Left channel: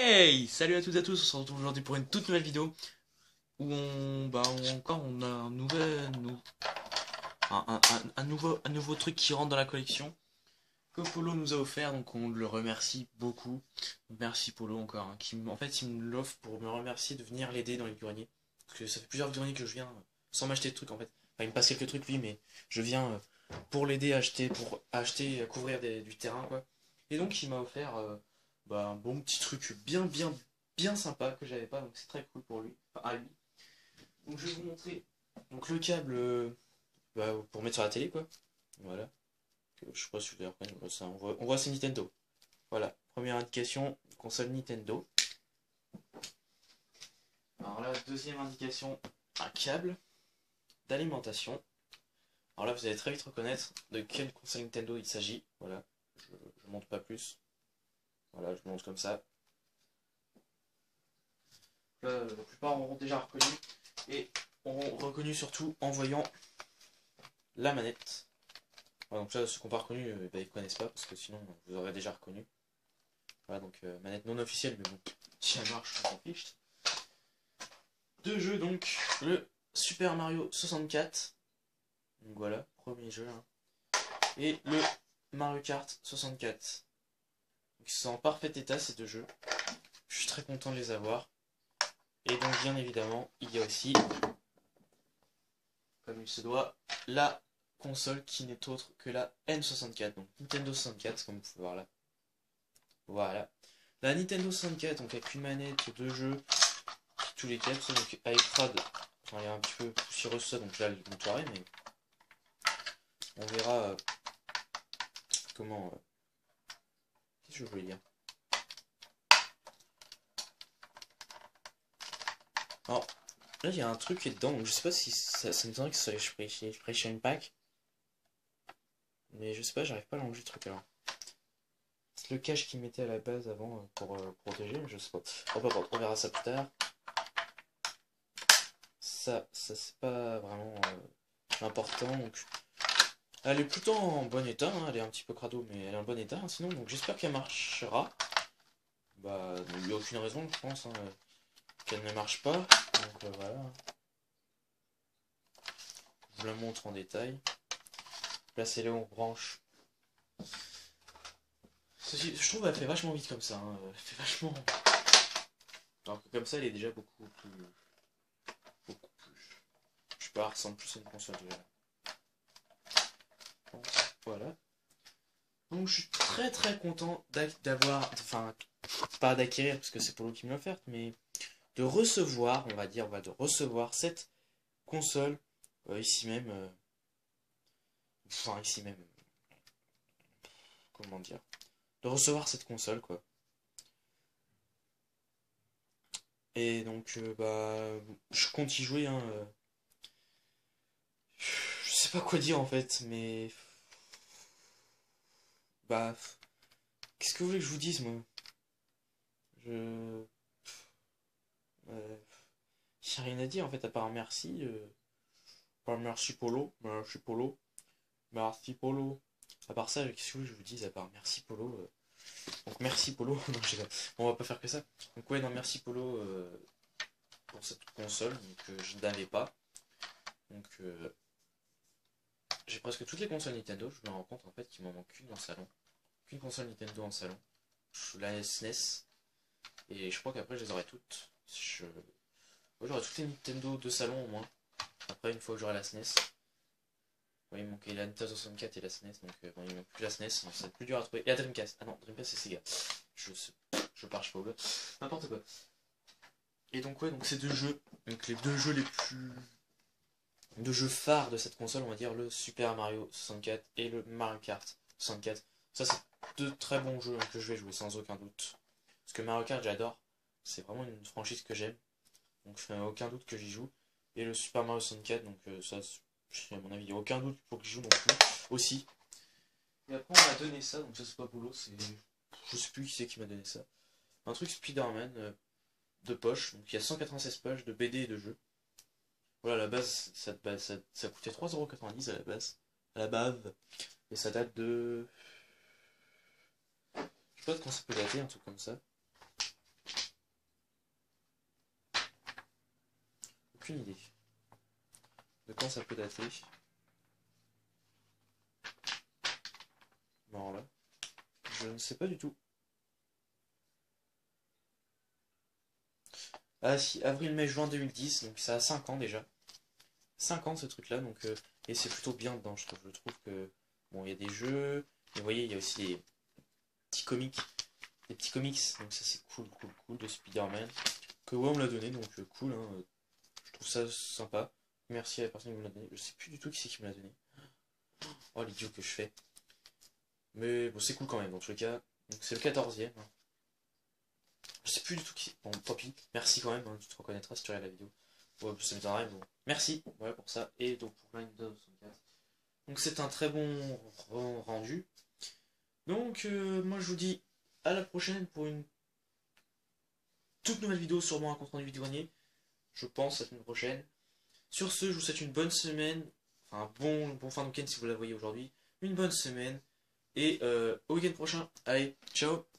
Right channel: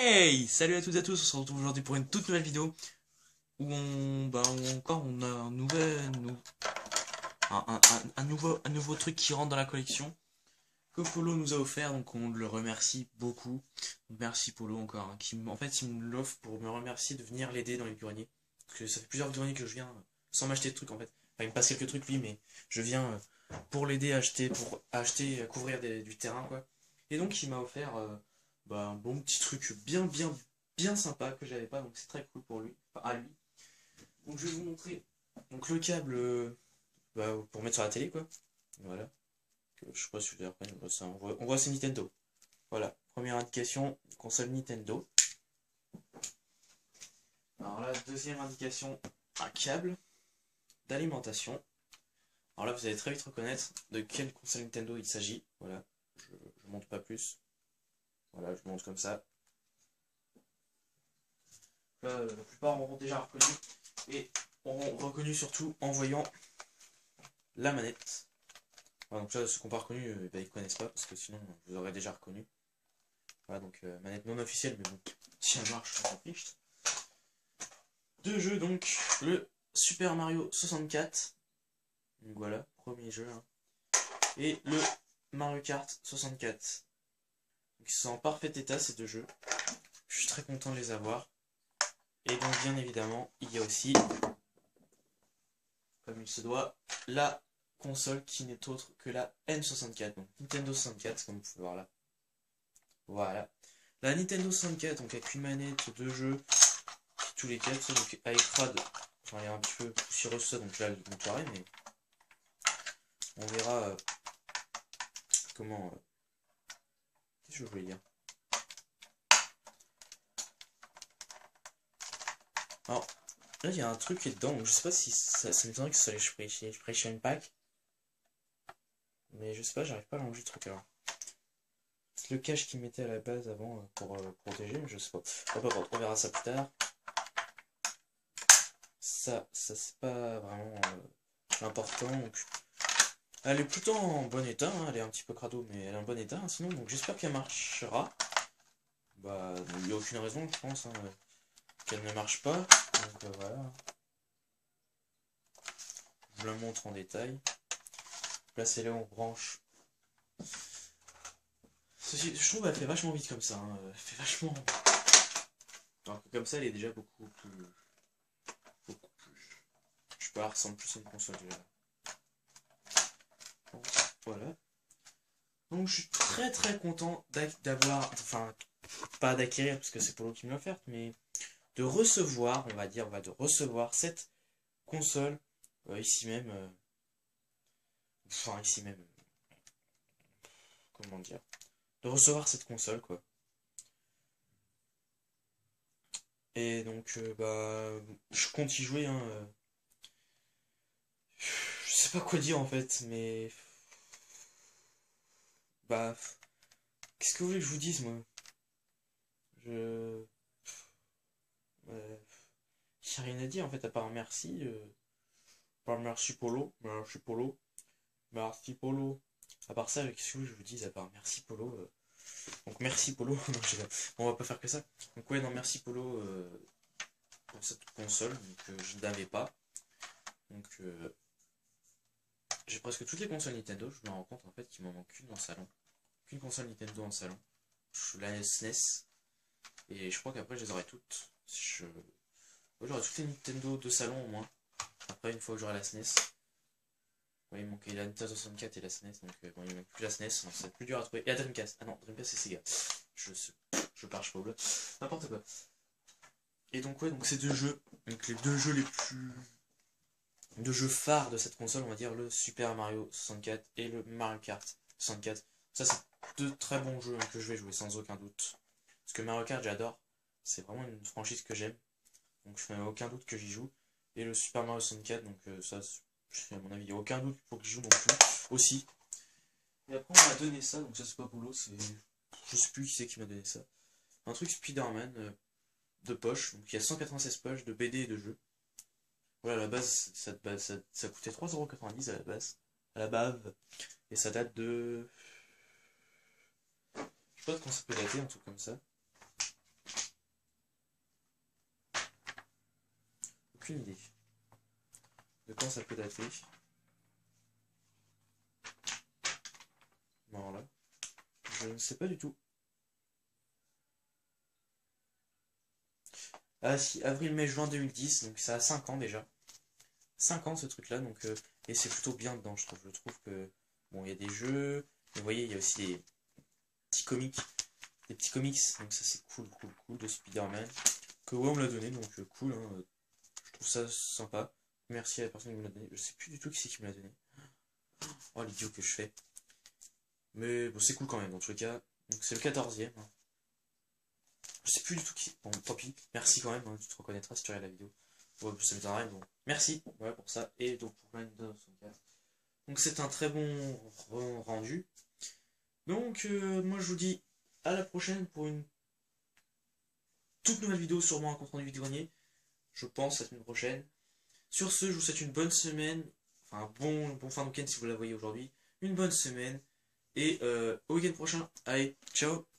Hey! Salut à toutes et à tous, on se retrouve aujourd'hui pour une toute nouvelle vidéo où on a un nouveau truc qui rentre dans la collection que Polo nous a offert, donc on le remercie beaucoup. Donc merci Polo encore, hein, en fait il me l'offre pour me remercier de venir l'aider dans les greniers. Parce que ça fait plusieurs greniers que je viens sans m'acheter de trucs en fait. Enfin il me passe quelques trucs lui, mais je viens pour l'aider à acheter, à couvrir du terrain quoi. Et donc il m'a offert un bon petit truc bien sympa que j'avais pas, donc c'est très cool pour lui, enfin à lui. Donc je vais vous montrer donc le câble pour mettre sur la télé quoi. Voilà. Je sais pas si vous avez reconnu, ça, on voit c'est Nintendo. Voilà, première indication, console Nintendo. Alors là, deuxième indication, un câble d'alimentation. Alors là, vous allez très vite reconnaître de quelle console Nintendo il s'agit. Voilà, je montre pas plus. Voilà, je montre comme ça. Là, la plupart auront déjà reconnu et auront reconnu surtout en voyant la manette. Voilà, donc là, ceux qui n'ont pas reconnu, ils connaissent pas parce que sinon, vous aurez déjà reconnu. Voilà, donc manette non officielle, mais bon, si elle marche, on s'en fiche. Deux jeux donc, le Super Mario 64, donc voilà, premier jeu, hein, et le Mario Kart 64. Donc ils sont en parfait état ces deux jeux, je suis très content de les avoir. Et donc bien évidemment, il y a aussi, comme il se doit, la console qui n'est autre que la N64, donc Nintendo 64 comme vous pouvez voir là. Voilà. La Nintendo 64, donc avec une manette, deux jeux, tous les câbles, donc avec Rad, enfin il est un petit peu poussiéreux ça, donc là je le montrerai, mais on verra comment. Qu'est-ce que je voulais dire? Alors, là il y a un truc qui est dedans, donc je sais pas si ça m'étonnerait que ça soit les Expression Pack, mais je sais pas, j'arrive pas à l'enlever le truc alors. C'est le cache qu'ils mettaient à la base avant pour protéger, je sais pas. On verra ça plus tard. Ça c'est pas vraiment important, donc elle est plutôt en bon état, hein, elle est un petit peu crado, mais elle est en bon état, hein, sinon, donc j'espère qu'elle marchera. Bah, il n'y a aucune raison, je pense, hein, qu'elle ne marche pas, donc voilà. Je le montre en détail. Là, c'est là où on branche. Je trouve qu'elle fait vachement vite comme ça, hein, elle fait vachement... Alors que comme ça, elle est déjà beaucoup plus... Beaucoup plus... Je sais pas, elle ressemble plus à une console déjà. Voilà. Donc je suis très content d'avoir, enfin pas d'acquérir parce que c'est Polo qui me l'a offert, mais de recevoir, on va dire, de recevoir cette console ici même, enfin ici même, comment dire, de recevoir cette console quoi. Et donc je compte y jouer, hein, je sais pas quoi dire en fait, mais bah qu'est-ce que vous voulez que je vous dise moi? Je j'ai rien à dire en fait à part merci. Pas merci Polo, merci Polo. Merci Polo. À part ça, qu'est-ce que je vous dis à part merci Polo donc merci Polo. Non, on va pas faire que ça. Donc ouais, non, merci Polo pour cette console que je n'avais pas. Donc j'ai presque toutes les consoles Nintendo. Je me rends compte en fait qu'il m'en manque une en salon. Qu'une console Nintendo en salon. La SNES. Et je crois qu'après je les aurai toutes. Ouais, j'aurai toutes les Nintendo de salon au moins. Après, une fois que j'aurai la SNES. Ouais, il me manquait la Nintendo 64 et la SNES, donc bon, il me manque plus la SNES, donc c'est plus dur à trouver. Et la Dreamcast, ah non, Dreamcast c'est Sega. Je parle pas au n'importe quoi. Et donc ouais, donc ces deux jeux, donc les deux jeux les plus... deux jeux phares de cette console, on va dire le Super Mario 64 et le Mario Kart 64. Ça c'est deux très bons jeux, hein, que je vais jouer sans aucun doute. Parce que Mario Kart j'adore, c'est vraiment une franchise que j'aime, donc aucun doute que j'y joue. Et le Super Mario 64, donc ça, à mon avis, il n'y a aucun doute pour que j'y joue non plus, aussi. Et après, on m'a donné ça, donc ça, c'est pas Polo, c'est. Je sais plus qui c'est qui m'a donné ça. Un truc Spider-Man de poche, donc il y a 196 pages de BD et de jeux. Voilà, à la base, ça coûtait 3,90€ à la base. À la base. Et ça date de. Je sais pas quand ça peut dater, un truc comme ça. aucune idée de quand ça peut dater. Bon là, je ne sais pas du tout. Ah si, avril, mai, juin 2010, donc ça a 5 ans déjà. 5 ans ce truc là, donc et c'est plutôt bien dedans, je trouve. Je trouve que bon, il y a des jeux, mais vous voyez, il y a aussi petits comics, des petits comics, donc ça c'est cool, cool, cool de Spider-Man que ouais, on me l'a donné, donc cool, hein, je trouve ça sympa. Merci à la personne qui me l'a donné. Je sais plus du tout qui c'est qui me l'a donné. Oh l'idiot que je fais. Mais bon, c'est cool quand même dans tous les cas. Donc c'est le 14e. Hein. Je sais plus du tout qui c'est. Bon, tant pis. Merci quand même, hein, tu te reconnaîtras si tu regardes la vidéo. Ouais, ça m'étonnerait, bon. Merci, voilà pour ça. Et donc pour Windows 64. Donc c'est un très bon rendu. Donc moi je vous dis à la prochaine pour une toute nouvelle vidéo, sûrement un compte rendu vidéo. Je pense la semaine prochaine. Sur ce, je vous souhaite une bonne semaine. Enfin, bon fin de week-end si vous la voyez aujourd'hui. Une bonne semaine. Et au week-end prochain. Allez, ciao!